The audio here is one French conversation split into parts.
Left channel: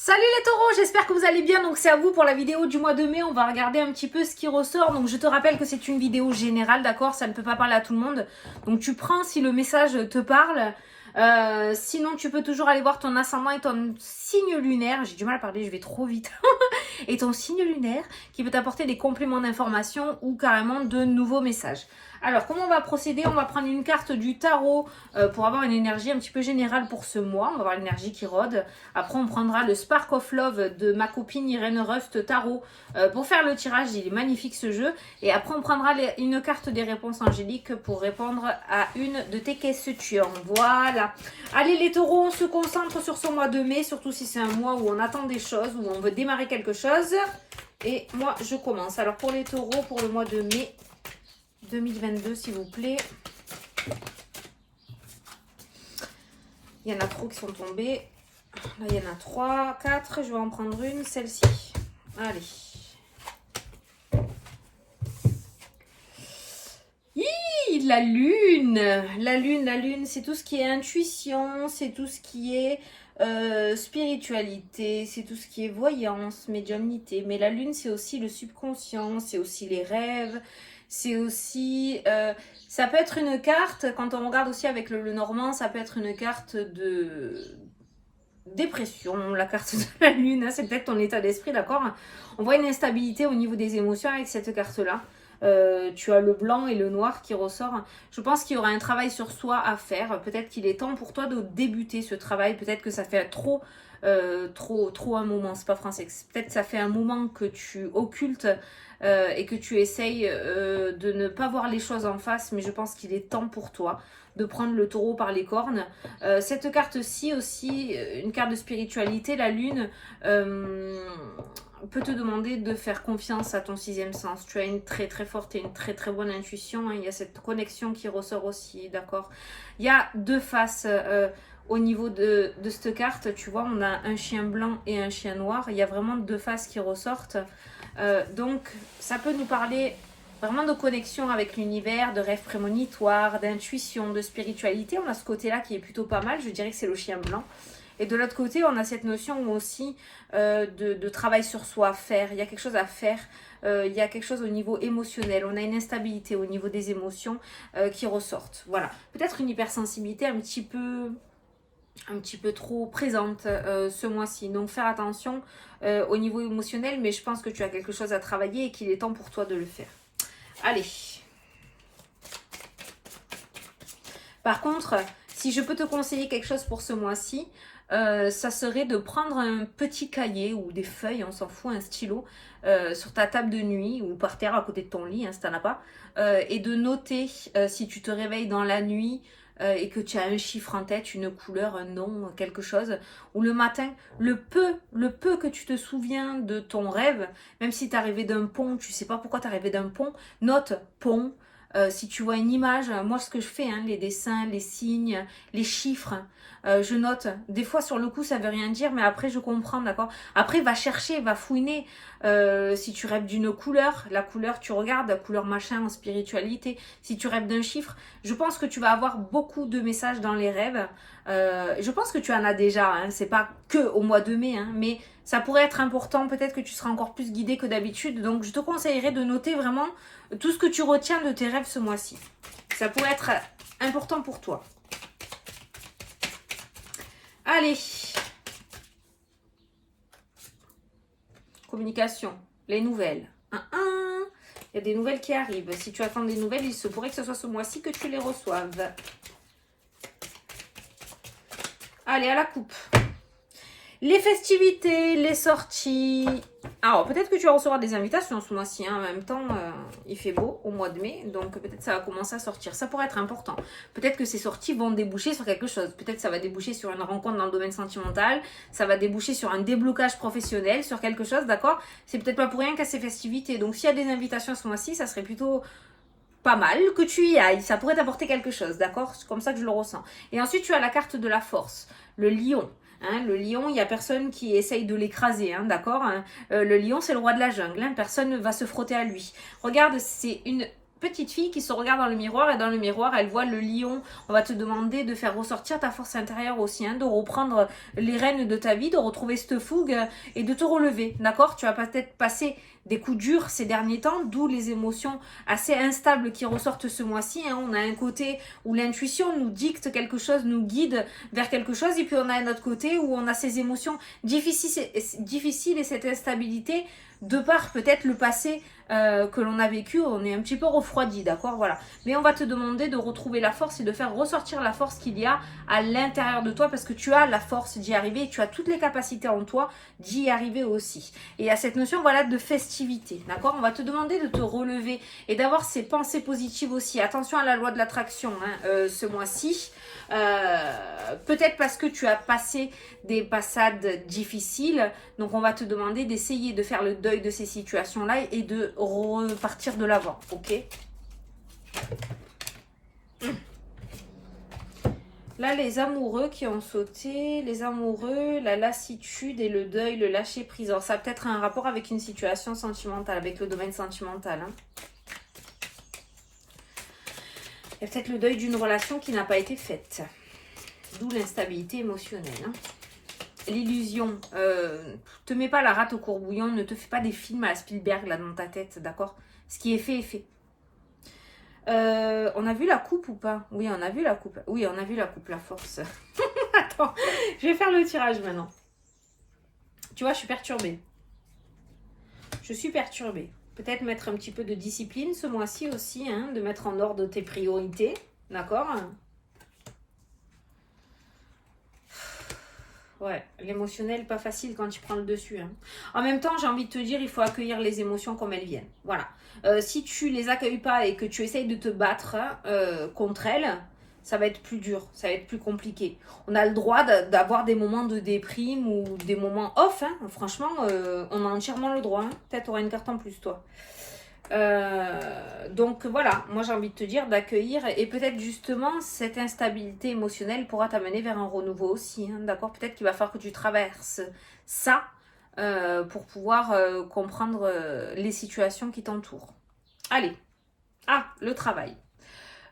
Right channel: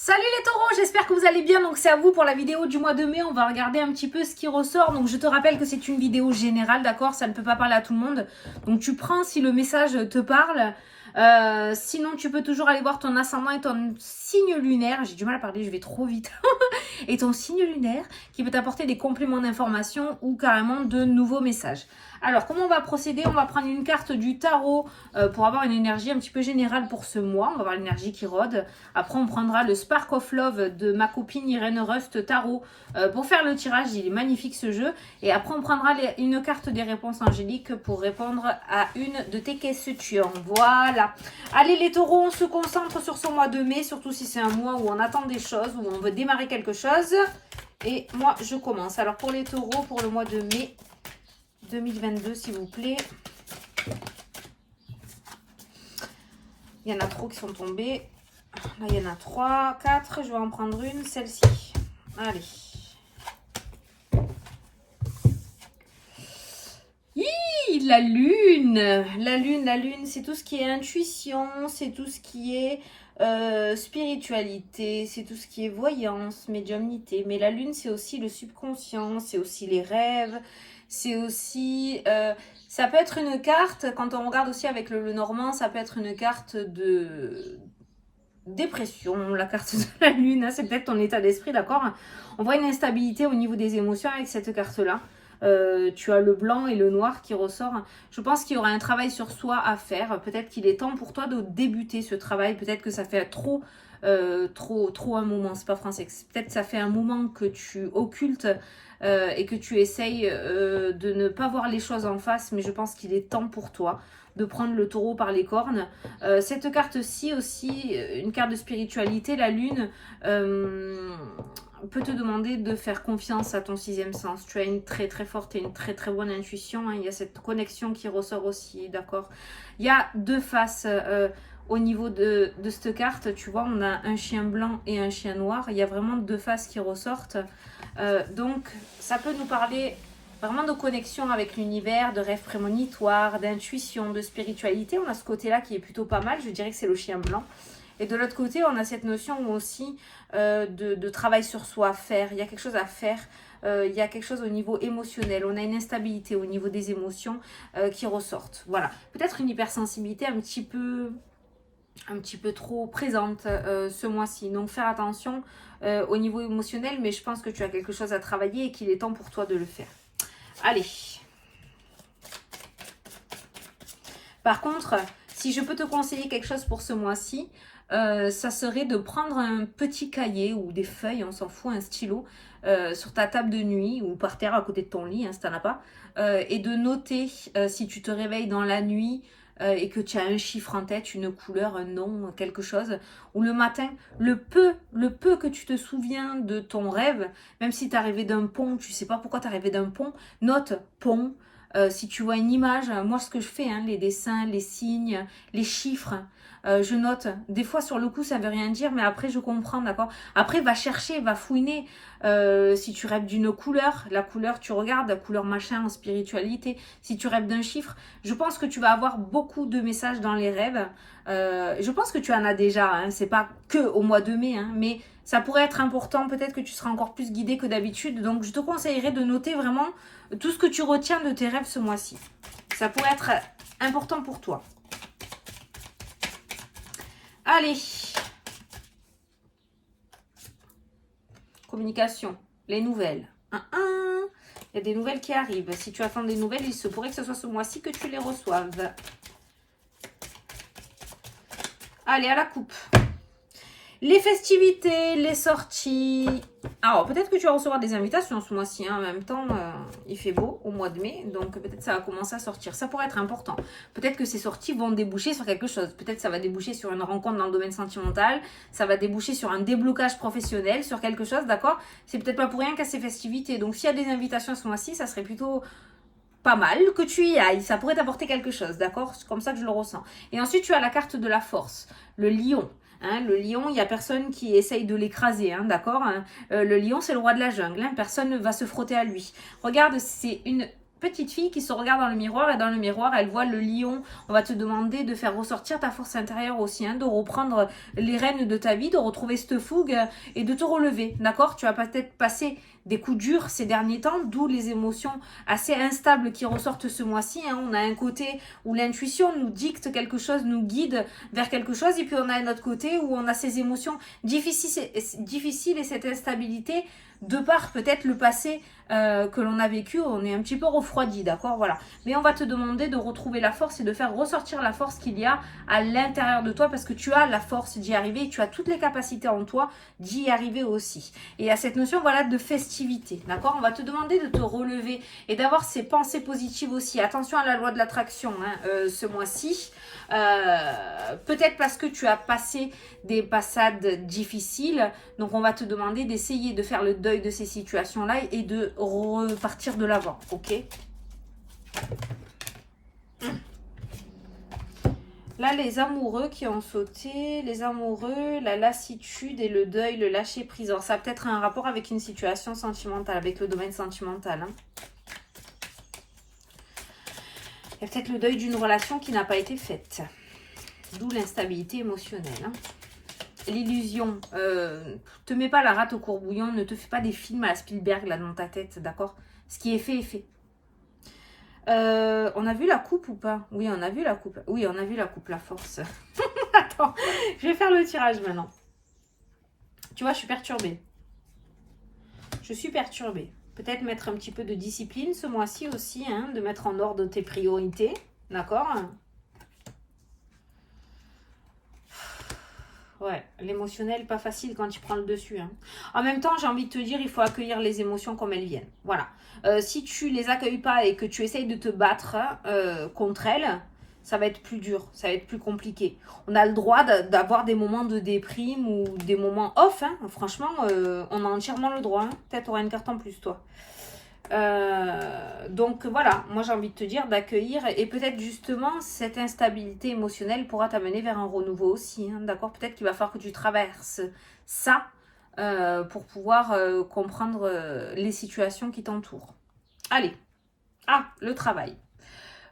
Salut les taureaux, j'espère que vous allez bien. Donc c'est à vous pour la vidéo du mois de mai. On va regarder un petit peu ce qui ressort. Donc je te rappelle que c'est une vidéo générale, d'accord? Ça ne peut pas parler à tout le monde. Donc tu prends si le message te parle. Sinon tu peux toujours aller voir ton ascendant et ton signe lunaire. J'ai du mal à parler, je vais trop vite. Et ton signe lunaire qui peut t'apporter des compléments d'information ou carrément de nouveaux messages. Alors, comment on va procéder? On va prendre une carte du tarot pour avoir une énergie un petit peu générale pour ce mois. On va avoir l'énergie qui rôde. Après, on prendra le Spark of Love de ma copine Irène Rust Tarot pour faire le tirage. Il est magnifique ce jeu. Et après, on prendra une carte des réponses angéliques pour répondre à une de tes questions. Voilà. Allez les taureaux, on se concentre sur ce mois de mai, surtout si c'est un mois où on attend des choses, où on veut démarrer quelque chose. Et moi, je commence. Alors, pour les taureaux, pour le mois de mai 2022, s'il vous plaît. Il y en a trop qui sont tombés. Là, il y en a 3, 4. Je vais en prendre une, celle-ci. Allez. Hi, la lune. La lune, c'est tout ce qui est intuition, c'est tout ce qui est spiritualité, c'est tout ce qui est voyance, médiumnité. Mais la lune, c'est aussi le subconscient, c'est aussi les rêves. C'est aussi, ça peut être une carte, quand on regarde aussi avec le normand, ça peut être une carte de dépression, la carte de la lune, hein, c'est peut-être ton état d'esprit, d'accord? On voit une instabilité au niveau des émotions avec cette carte-là. Tu as le blanc et le noir qui ressort. Je pense qu'il y aura un travail sur soi à faire. Peut-être qu'il est temps pour toi de débuter ce travail. Peut-être que ça fait trop un moment. C'est pas français. Peut-être que ça fait un moment que tu occultes et que tu essayes de ne pas voir les choses en face. Mais je pense qu'il est temps pour toi de prendre le taureau par les cornes. Cette carte-ci aussi, une carte de spiritualité, la lune, peut te demander de faire confiance à ton sixième sens. Tu as une très très forte et une très très bonne intuition. Hein. Il y a cette connexion qui ressort aussi, d'accord? Il y a deux faces au niveau de cette carte. Tu vois, on a un chien blanc et un chien noir. Il y a vraiment deux faces qui ressortent. Donc, ça peut nous parler vraiment de connexion avec l'univers, de rêves prémonitoires, d'intuition, de spiritualité. On a ce côté-là qui est plutôt pas mal. Je dirais que c'est le chien blanc. Et de l'autre côté, on a cette notion aussi de travail sur soi à faire. Il y a quelque chose à faire. Il y a quelque chose au niveau émotionnel. On a une instabilité au niveau des émotions qui ressortent. Voilà. Peut-être une hypersensibilité un petit peu trop présente ce mois-ci. Donc, faire attention au niveau émotionnel. Mais je pense que tu as quelque chose à travailler et qu'il est temps pour toi de le faire. Allez. Par contre, si je peux te conseiller quelque chose pour ce mois-ci, ça serait de prendre un petit cahier ou des feuilles, on s'en fout, un stylo, sur ta table de nuit ou par terre à côté de ton lit, hein, si tu n'en as pas, et de noter si tu te réveilles dans la nuit et que tu as un chiffre en tête, une couleur, un nom, quelque chose, ou le matin, le peu que tu te souviens de ton rêve, même si tu es rêvé d'un pont, tu ne sais pas pourquoi tu as rêvé d'un pont, note pont. Si tu vois une image, moi ce que je fais, hein, les dessins, les signes, les chiffres, je note. Des fois sur le coup ça veut rien dire, mais après je comprends, d'accord? Après va chercher, va fouiner. Si tu rêves d'une couleur, la couleur tu regardes, la couleur machin en spiritualité. Si tu rêves d'un chiffre, je pense que tu vas avoir beaucoup de messages dans les rêves. Je pense que tu en as déjà, hein, c'est pas que au mois de mai, hein, mais ça pourrait être important, peut-être que tu seras encore plus guidé que d'habitude. Donc je te conseillerais de noter vraiment tout ce que tu retiens de tes rêves ce mois-ci. Ça pourrait être important pour toi. Allez. Communication, les nouvelles. Il y a des nouvelles qui arrivent. Si tu attends des nouvelles, il se pourrait que ce soit ce mois-ci que tu les reçoives. Allez, à la coupe. Les festivités, les sorties. Alors, peut-être que tu vas recevoir des invitations ce mois-ci. Hein. En même temps, il fait beau au mois de mai. Donc, peut-être que ça va commencer à sortir. Ça pourrait être important. Peut-être que ces sorties vont déboucher sur quelque chose. Peut-être que ça va déboucher sur une rencontre dans le domaine sentimental. Ça va déboucher sur un déblocage professionnel, sur quelque chose, d'accord? C'est peut-être pas pour rien qu'à ces festivités. Donc, s'il y a des invitations ce mois-ci, ça serait plutôt pas mal que tu y ailles. Ça pourrait t'apporter quelque chose, d'accord? C'est comme ça que je le ressens. Et ensuite, tu as la carte de la force. Le lion. Hein, le lion, il n'y a personne qui essaye de l'écraser, hein, d'accord? Le lion, c'est le roi de la jungle. Hein, personne ne va se frotter à lui. Regarde, c'est une petite fille qui se regarde dans le miroir et dans le miroir elle voit le lion. On va te demander de faire ressortir ta force intérieure aussi, hein, de reprendre les rênes de ta vie, de retrouver cette fougue et de te relever, d'accord? Tu vas peut-être passer des coups durs ces derniers temps, d'où les émotions assez instables qui ressortent ce mois-ci, hein. On a un côté où l'intuition nous dicte quelque chose, nous guide vers quelque chose, et puis on a un autre côté où on a ces émotions difficiles et cette instabilité de par peut-être le passé que l'on a vécu, on est un petit peu refroidi, d'accord, voilà. Mais on va te demander de retrouver la force et de faire ressortir la force qu'il y a à l'intérieur de toi, parce que tu as la force d'y arriver et tu as toutes les capacités en toi d'y arriver aussi. Et à cette notion, voilà, de festivité, d'accord. On va te demander de te relever et d'avoir ces pensées positives aussi. Attention à la loi de l'attraction, hein, ce mois-ci. Peut-être parce que tu as passé des passades difficiles, donc on va te demander d'essayer de faire le deuil de ces situations-là et de repartir de l'avant, ok? Là, les amoureux qui ont sauté, les amoureux, la lassitude et le deuil, le lâcher prise. Alors, ça a peut-être un rapport avec une situation sentimentale, avec le domaine sentimental, hein. Il y a peut-être le deuil d'une relation qui n'a pas été faite. D'où l'instabilité émotionnelle, hein. L'illusion, te mets pas la rate au courbouillon, ne te fais pas des films à la Spielberg là dans ta tête, d'accord? Ce qui est fait est fait. On a vu la coupe ou pas? Oui, on a vu la coupe. Oui, on a vu la coupe, la force. Attends, je vais faire le tirage maintenant. Tu vois, je suis perturbée. Je suis perturbée. Peut-être mettre un petit peu de discipline ce mois-ci aussi, hein, de mettre en ordre tes priorités, d'accord? Ouais, l'émotionnel, pas facile quand tu prends le dessus, hein. En même temps, j'ai envie de te dire, il faut accueillir les émotions comme elles viennent. Voilà. Si tu les accueilles pas et que tu essayes de te battre contre elles, ça va être plus dur, ça va être plus compliqué. On a le droit d'avoir des moments de déprime ou des moments off, hein. Franchement, on a entièrement le droit, hein. Peut-être tu auras une carte en plus, toi. Donc voilà, moi j'ai envie de te dire d'accueillir et peut-être justement cette instabilité émotionnelle pourra t'amener vers un renouveau aussi, hein, d'accord? Peut-être qu'il va falloir que tu traverses ça pour pouvoir comprendre les situations qui t'entourent. Allez, le travail.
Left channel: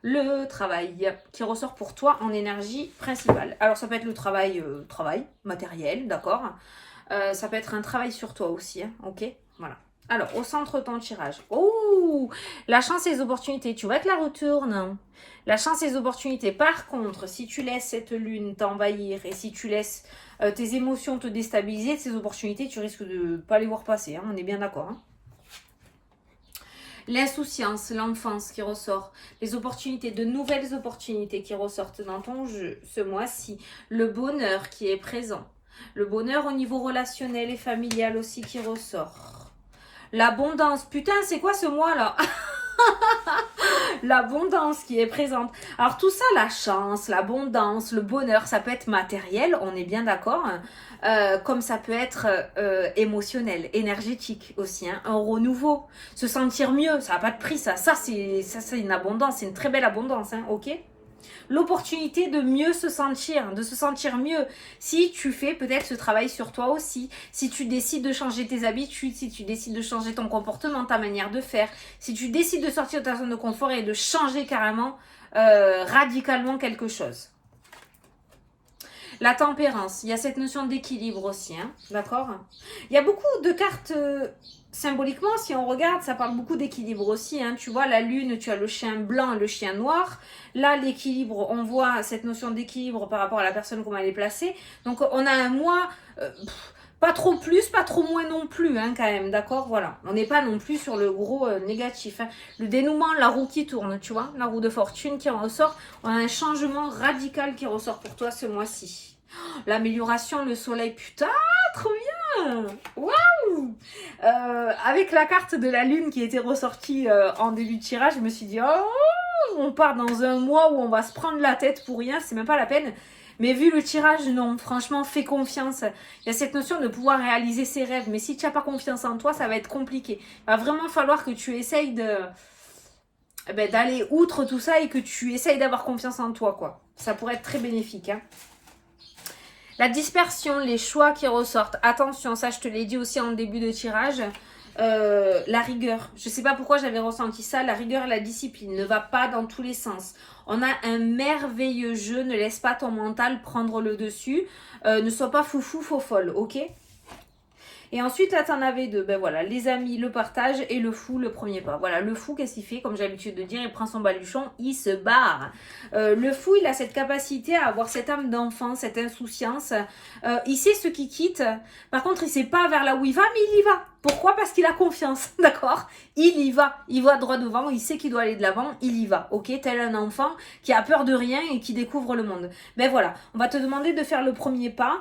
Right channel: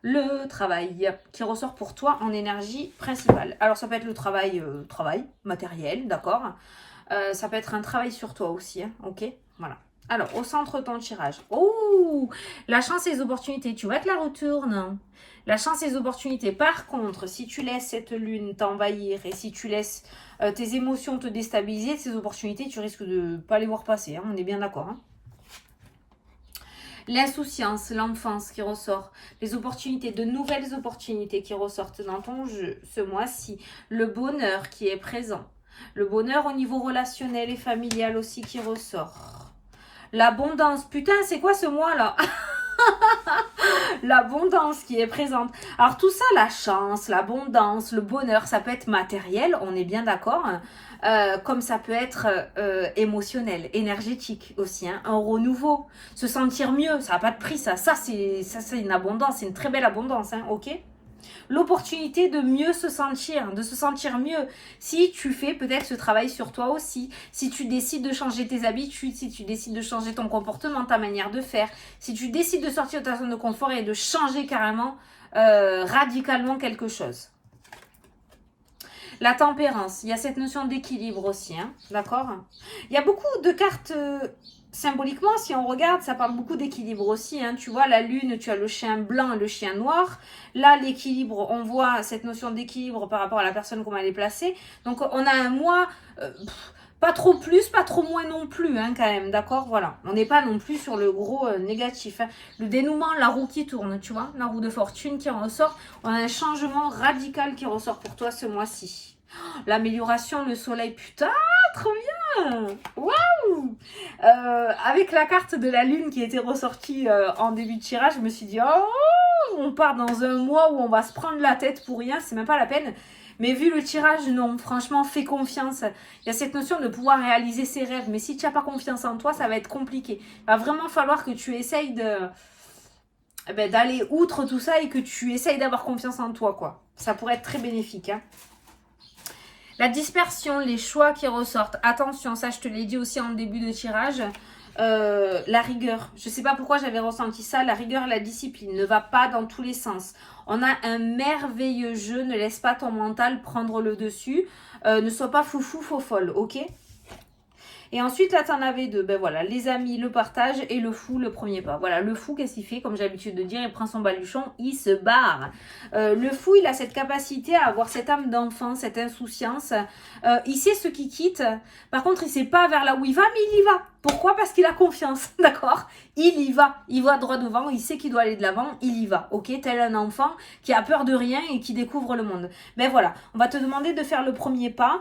Le travail qui ressort pour toi en énergie principale. Alors ça peut être le travail matériel, d'accord? Ça peut être un travail sur toi aussi, hein, ok? Voilà. Alors, au centre de ton tirage. Oh, la chance et les opportunités. Tu vas te la retournes. La chance et les opportunités. Par contre, si tu laisses cette lune t'envahir et si tu laisses tes émotions te déstabiliser, ces opportunités, tu risques de ne pas les voir passer, hein, on est bien d'accord, hein. L'insouciance, l'enfance qui ressort, les opportunités, de nouvelles opportunités qui ressortent dans ton jeu ce mois-ci, le bonheur qui est présent, le bonheur au niveau relationnel et familial aussi qui ressort. L'abondance, putain, c'est quoi ce mois-là? L'abondance qui est présente. Alors tout ça, la chance, l'abondance, le bonheur, ça peut être matériel, on est bien d'accord, comme ça peut être émotionnel, énergétique aussi, hein, un renouveau, se sentir mieux, ça n'a pas de prix, ça c'est une abondance, c'est une très belle abondance, hein, ok? L'opportunité de mieux se sentir, de se sentir mieux. Si tu fais peut-être ce travail sur toi aussi, si tu décides de changer tes habitudes, si tu décides de changer ton comportement, ta manière de faire, si tu décides de sortir de ta zone de confort et de changer carrément, radicalement quelque chose. La tempérance, il y a cette notion d'équilibre aussi, hein, d'accord? Il y a beaucoup de cartes... symboliquement, si on regarde, ça parle beaucoup d'équilibre aussi, hein. Tu vois, la lune, tu as le chien blanc et le chien noir. Là, l'équilibre, on voit cette notion d'équilibre par rapport à la personne, comment elle est placée. Donc, on a un mois, pas trop plus, pas trop moins non plus, hein, quand même, d'accord? Voilà, on n'est pas non plus sur le gros négatif, hein. Le dénouement, la roue qui tourne, tu vois, la roue de fortune qui en ressort. On a un changement radical qui ressort pour toi ce mois-ci. L'amélioration, le soleil, putain, trop bien! Waouh! Avec la carte de la lune qui était ressortie en début de tirage, je me suis dit, oh, on part dans un mois où on va se prendre la tête pour rien, c'est même pas la peine. Mais vu le tirage, non, franchement, fais confiance. Il y a cette notion de pouvoir réaliser ses rêves, mais si tu n'as pas confiance en toi, ça va être compliqué. Il va vraiment falloir que tu essayes d'aller outre tout ça et que tu essayes d'avoir confiance en toi, quoi. Ça pourrait être très bénéfique, hein. La dispersion, les choix qui ressortent. Attention, ça je te l'ai dit aussi en début de tirage. la rigueur. Je sais pas pourquoi j'avais ressenti ça. La rigueur et la discipline ne va pas dans tous les sens. On a un merveilleux jeu. Ne laisse pas ton mental prendre le dessus. Ne sois pas foufou, faux folle, ok? Et ensuite, là, tu en avais deux. Ben voilà, les amis, le partage et le fou, le premier pas. Voilà, le fou, qu'est-ce qu'il fait? Comme j'ai l'habitude de dire, il prend son baluchon, il se barre. Le fou, il a cette capacité à avoir cette âme d'enfant, cette insouciance. Il sait ce qui quitte. Par contre, il sait pas vers là où il va, mais il y va. Pourquoi? Parce qu'il a confiance, d'accord? Il y va. Il va droit devant, il sait qu'il doit aller de l'avant, il y va, ok? Tel un enfant qui a peur de rien et qui découvre le monde. Ben voilà, on va te demander de faire le premier pas.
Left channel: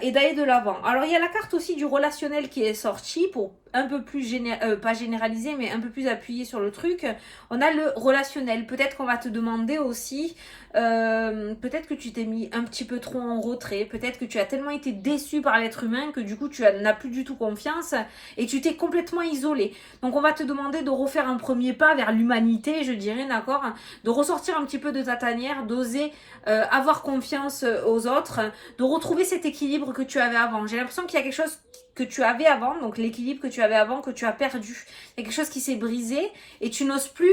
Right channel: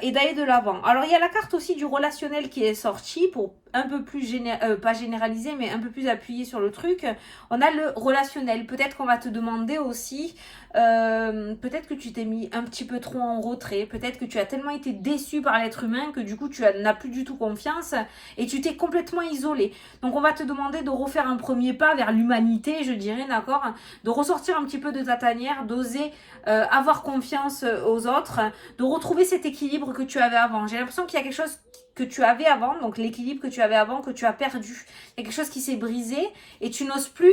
Et d'aller de l'avant. Alors, il y a la carte aussi du relationnel qui est sortie pour un peu plus, pas généralisé, mais un peu plus appuyé sur le truc. On a le relationnel. Peut-être qu'on va te demander aussi, peut-être que tu t'es mis un petit peu trop en retrait, peut-être que tu as tellement été déçu par l'être humain que du coup, tu n'as plus du tout confiance et tu t'es complètement isolé. Donc, on va te demander de refaire un premier pas vers l'humanité, je dirais, d'accord? De ressortir un petit peu de ta tanière, d'oser avoir confiance aux autres, de retrouver cet équilibre que tu avais avant. J'ai l'impression qu'il y a quelque chose que tu avais avant, donc l'équilibre que tu avais avant, que tu as perdu. Il y a quelque chose qui s'est brisé et tu n'oses plus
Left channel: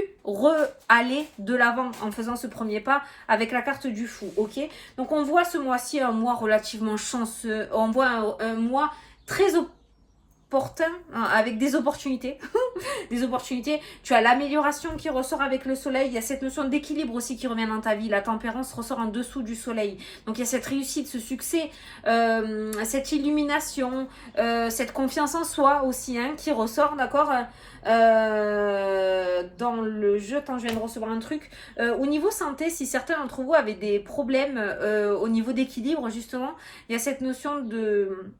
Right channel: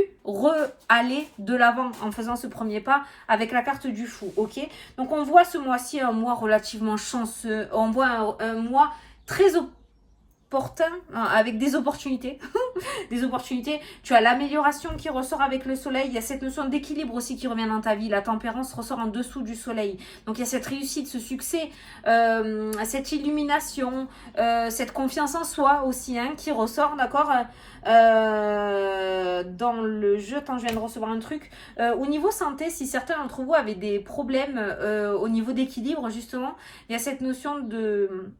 aller de l'avant en faisant ce premier pas avec la carte du fou, ok? Donc on voit ce mois-ci un mois relativement chanceux, on voit un mois très opportun avec des opportunités. Des opportunités. Tu as l'amélioration qui ressort avec le soleil. Il y a cette notion d'équilibre aussi qui revient dans ta vie. La tempérance ressort en dessous du soleil. Donc il y a cette réussite, ce succès, cette illumination, cette confiance en soi aussi hein, qui ressort, d'accord dans le jeu. Attends, je viens de recevoir un truc. Au niveau santé, si certains d'entre vous avaient des problèmes au niveau d'équilibre, justement, il y a cette notion de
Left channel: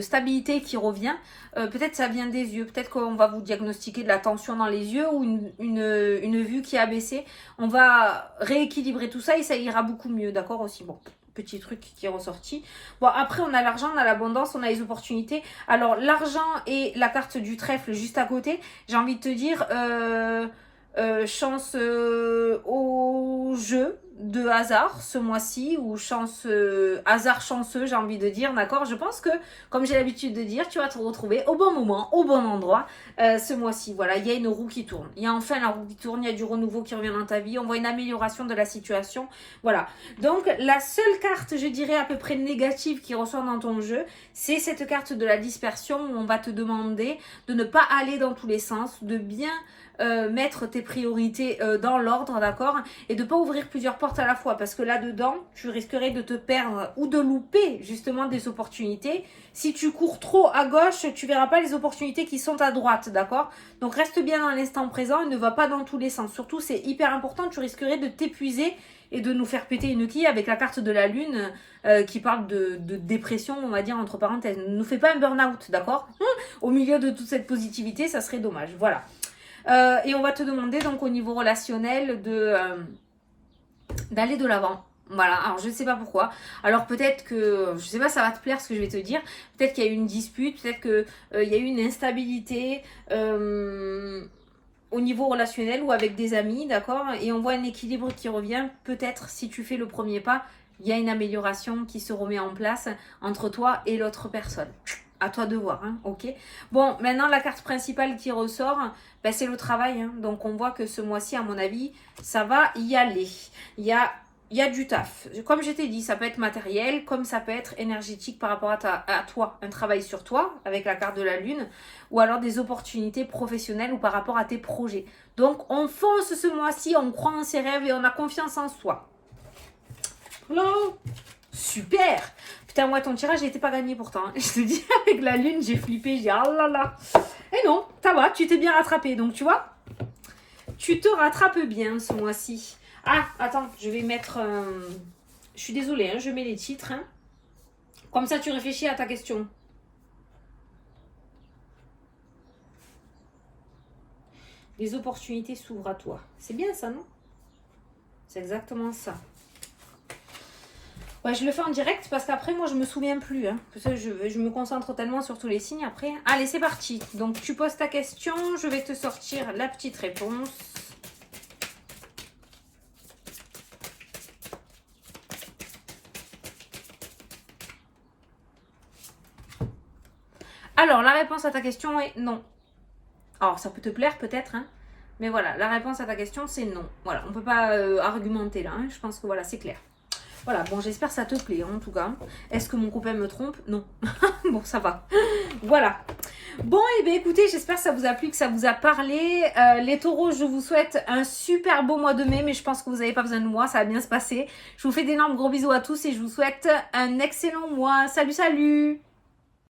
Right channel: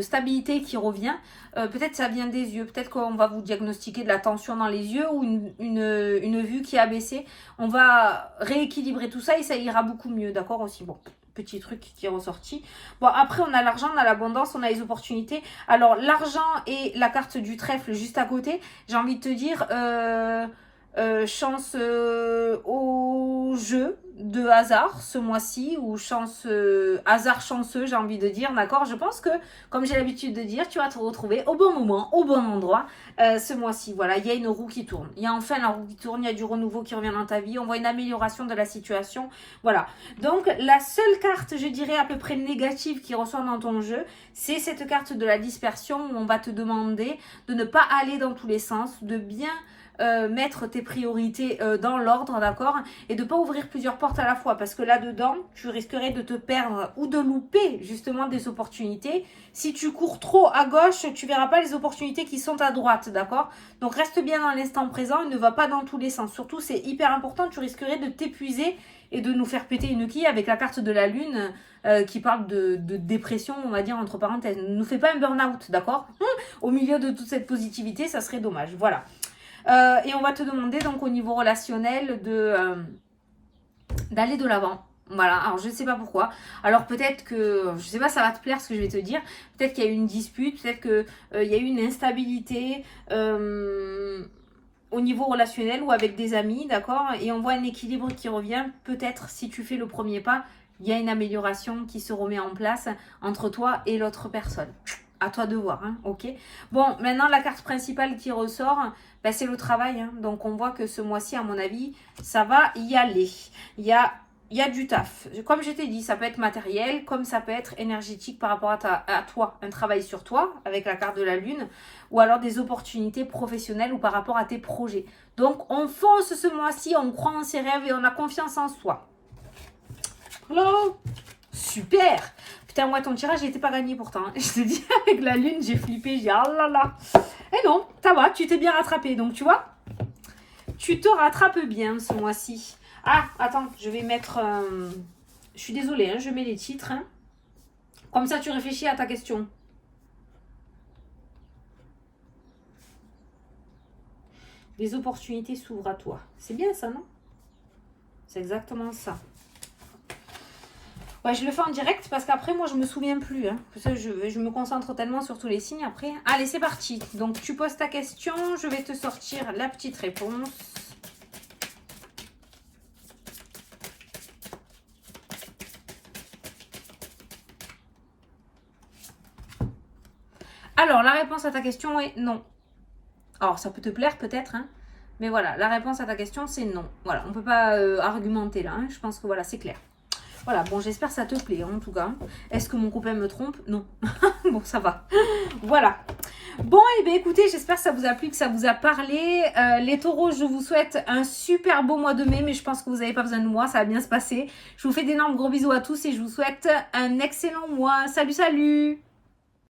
stabilité qui revient. Peut-être ça vient des yeux, peut-être qu'on va vous diagnostiquer de la tension dans les yeux ou une vue qui a baissé. On va rééquilibrer tout ça et ça ira beaucoup mieux, d'accord aussi. Bon, petit truc qui est ressorti. Bon, après on a l'argent, on a l'abondance, on a les opportunités. Alors l'argent et la carte du trèfle juste à côté, j'ai envie de te dire chance au jeu de hasard ce mois-ci ou chance hasard chanceux j'ai envie de dire, d'accord? Je pense que comme j'ai l'habitude de dire, tu vas te retrouver au bon moment, au bon endroit ce mois-ci. Voilà, il y a une roue qui tourne, il y a enfin la roue qui tourne, il y a du renouveau qui revient dans ta vie, on voit une amélioration de la situation. Voilà, donc la seule carte je dirais à peu près négative qui ressort dans ton jeu, c'est cette carte de la dispersion où on va te demander de ne pas aller dans tous les sens, de bien mettre tes priorités dans l'ordre, d'accord? Et de ne pas ouvrir plusieurs portes à la fois, parce que là-dedans, tu risquerais de te perdre ou de louper justement des opportunités. Si tu cours trop à gauche, tu verras pas les opportunités qui sont à droite, d'accord? Donc reste bien dans l'instant présent et ne va pas dans tous les sens. Surtout, c'est hyper important, tu risquerais de t'épuiser et de nous faire péter une quille avec la carte de la lune qui parle de dépression, on va dire entre parenthèses. Ne nous fais pas un burn-out, d'accord? Au milieu de toute cette positivité, ça serait dommage. Voilà. Et on va te demander donc au niveau relationnel d'aller de l'avant. Voilà, alors je ne sais pas pourquoi. Alors peut-être que, je ne sais pas, ça va te plaire ce que je vais te dire. Peut-être qu'il y a eu une dispute, peut-être qu'il y a eu une instabilité au niveau relationnel ou avec des amis, d'accord? Et on voit un équilibre qui revient. Peut-être si tu fais le premier pas, il y a une amélioration qui se remet en place entre toi et l'autre personne. À toi de voir, hein, ok? Bon, maintenant la carte principale qui ressort, ben, c'est le travail. Hein. Donc on voit que ce mois-ci, à mon avis, ça va y aller. Il y a du taf. Comme je t'ai dit, ça peut être matériel, comme ça peut être énergétique par rapport à toi. Un travail sur toi, avec la carte de la lune, ou alors des opportunités professionnelles ou par rapport à tes projets. Donc on fonce ce mois-ci, on croit en ses rêves et on a confiance en soi. Voilà. Super. Putain, moi, ton tirage n'était pas gagné pourtant. Je te dis, avec la lune, j'ai flippé. J'ai dit, oh là là. Et non, ça va, tu t'es bien rattrapé. Donc, tu vois, tu te rattrapes bien ce mois-ci. Ah, attends, je vais mettre... Je suis désolée, hein, je mets les titres. Hein. Comme ça, tu réfléchis à ta question. Les opportunités s'ouvrent à toi. C'est bien ça, non? C'est exactement ça. Ouais, je le fais en direct parce qu'après, moi, je me souviens plus. Hein. Je me concentre tellement sur tous les signes après. Allez, c'est parti. Donc, tu poses ta question. Je vais te sortir la petite réponse. Alors, la réponse à ta question est non. Alors, ça peut te plaire peut-être, hein, mais voilà, la réponse à ta question, c'est non. Voilà, on ne peut pas argumenter là, hein, je pense que voilà, c'est clair. Voilà, bon, j'espère que ça te plaît, en tout cas. Est-ce que mon copain me trompe? Non. Bon, ça va. Voilà. Bon, et bien écoutez, j'espère que ça vous a plu, que ça vous a parlé. Les taureaux, je vous souhaite un super beau mois de mai, mais je pense que vous n'avez pas besoin de moi, ça va bien se passer. Je vous fais d'énormes gros bisous à tous et je vous souhaite un excellent mois. Salut, salut!